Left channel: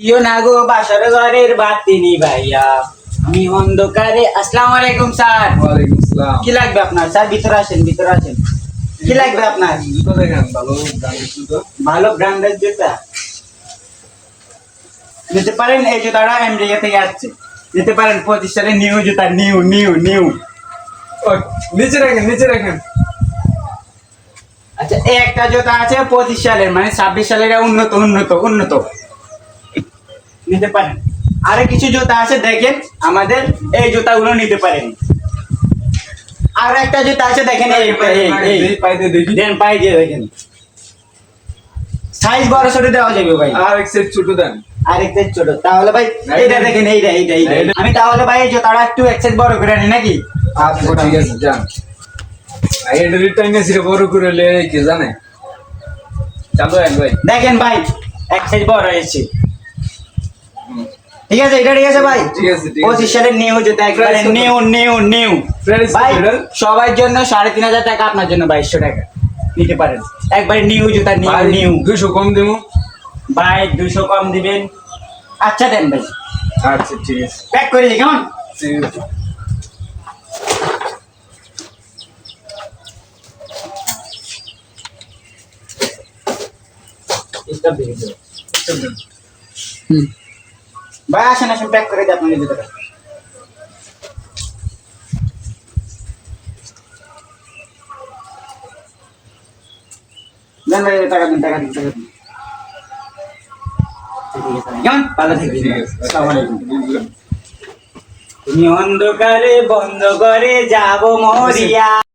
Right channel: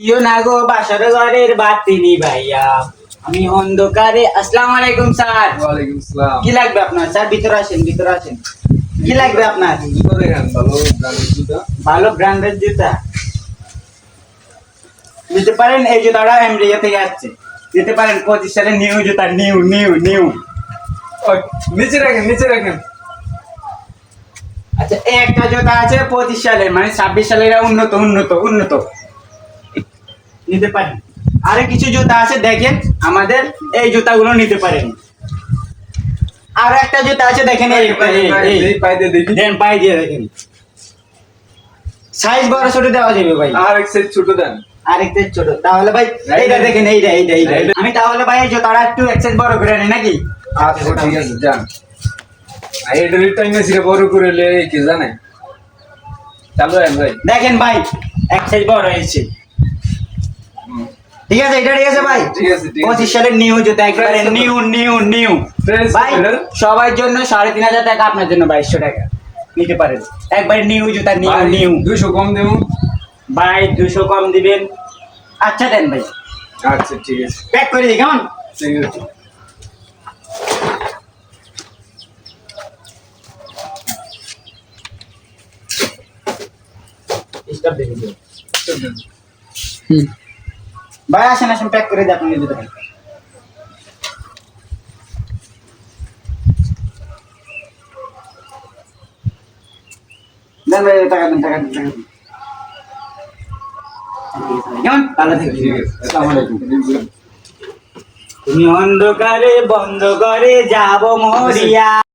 ইও না গো বাসার ঘরের বাতি নিভাইয়া আমি অন্ধকারে। আসসালামু আলাইকুম স্যার। ওয়ালাইকুম আসসালাম। কি লাগবে আপনার স্যার? ভিতরে আসেন, ভিতরে আসেন। কি লাগবে আপনার? জুতো দেখেন, ভালো ব্র্যান্ডের জুতো। ভালো ব্র্যান্ডের জুতা নিতে পারেন। এই জুতাটা আমেরিকা থেকে আসছে, নিতে পারেন। 25 সালে নিউ জুতা, নিউ নিউ নিউ। ওই, নিচে রাখেন, নিচে রাখেন। আচ্ছা, এই একটা জুতা আছে 25 সালের, মানে 26 সালের উন্নত উন্নত উন্নত, নিতে পারেন। আরে কিছু জুতা আছে দেখেন, আমাদের এই জুতাগুলো নিতে পারেন। আর একটা জুতা আছে দেখেন, এই পাই দিয়ে দেখি। দেন, পাই দিয়ে দেখেন। সাইজ বড় ছোট দেওয়া যাবে ভাই। আর এক সাইজ ছোট দেন। আরেকটা ছোট তাহলে ভাই এইটা দেখেন, এইটা এইটা এইটা। আমি তাহলে ভাই এই জুতাটা একটু এক সাইজ বড় করে নিই নাকি? আচ্ছা ঠিক আছে, যান। আর এটা রিটার্ন এসে বড় করে লে কি জানে, চালু হয় ভাই। দেখেন ভাই, এক সাইজ বড় হয়েছে। ঠিক আছে, এটা ঠিক আছে ভাই। ঠিক আছে, ঠিক আছে। 25 সালের নিউ জুতা, একবারে Price কত? New new new. Price কত ভাই এটার? সবার জন্য 3500 টাকা, আপনার জন্য 2200 টাকা নিতে পারেন। একবার নিউ জুতা, নিউ ভাই, নিউ। 200 কম দেবো। ভাই 200 কম দিবেন? আচ্ছা দেন ভাই, আচ্ছা ঠিক আছে, প্যাক করে দিই কেমন? ঠিক আছে। স্টপ দিয়ে দিন। ভাই আসেন আসেন, প্যাক করে দিই আপনার জুতাটা। দেন ভাই, টাকা দেন, টাকা দেন, টাকা দেন। কেমন? ভালো আচ্ছা, থাকবেন। ঠিক আছে। আসসালামু আলাইকুম। বুঝলাম। তুমি অন্ধকারে বন্ধ করে যাব মরিয়া।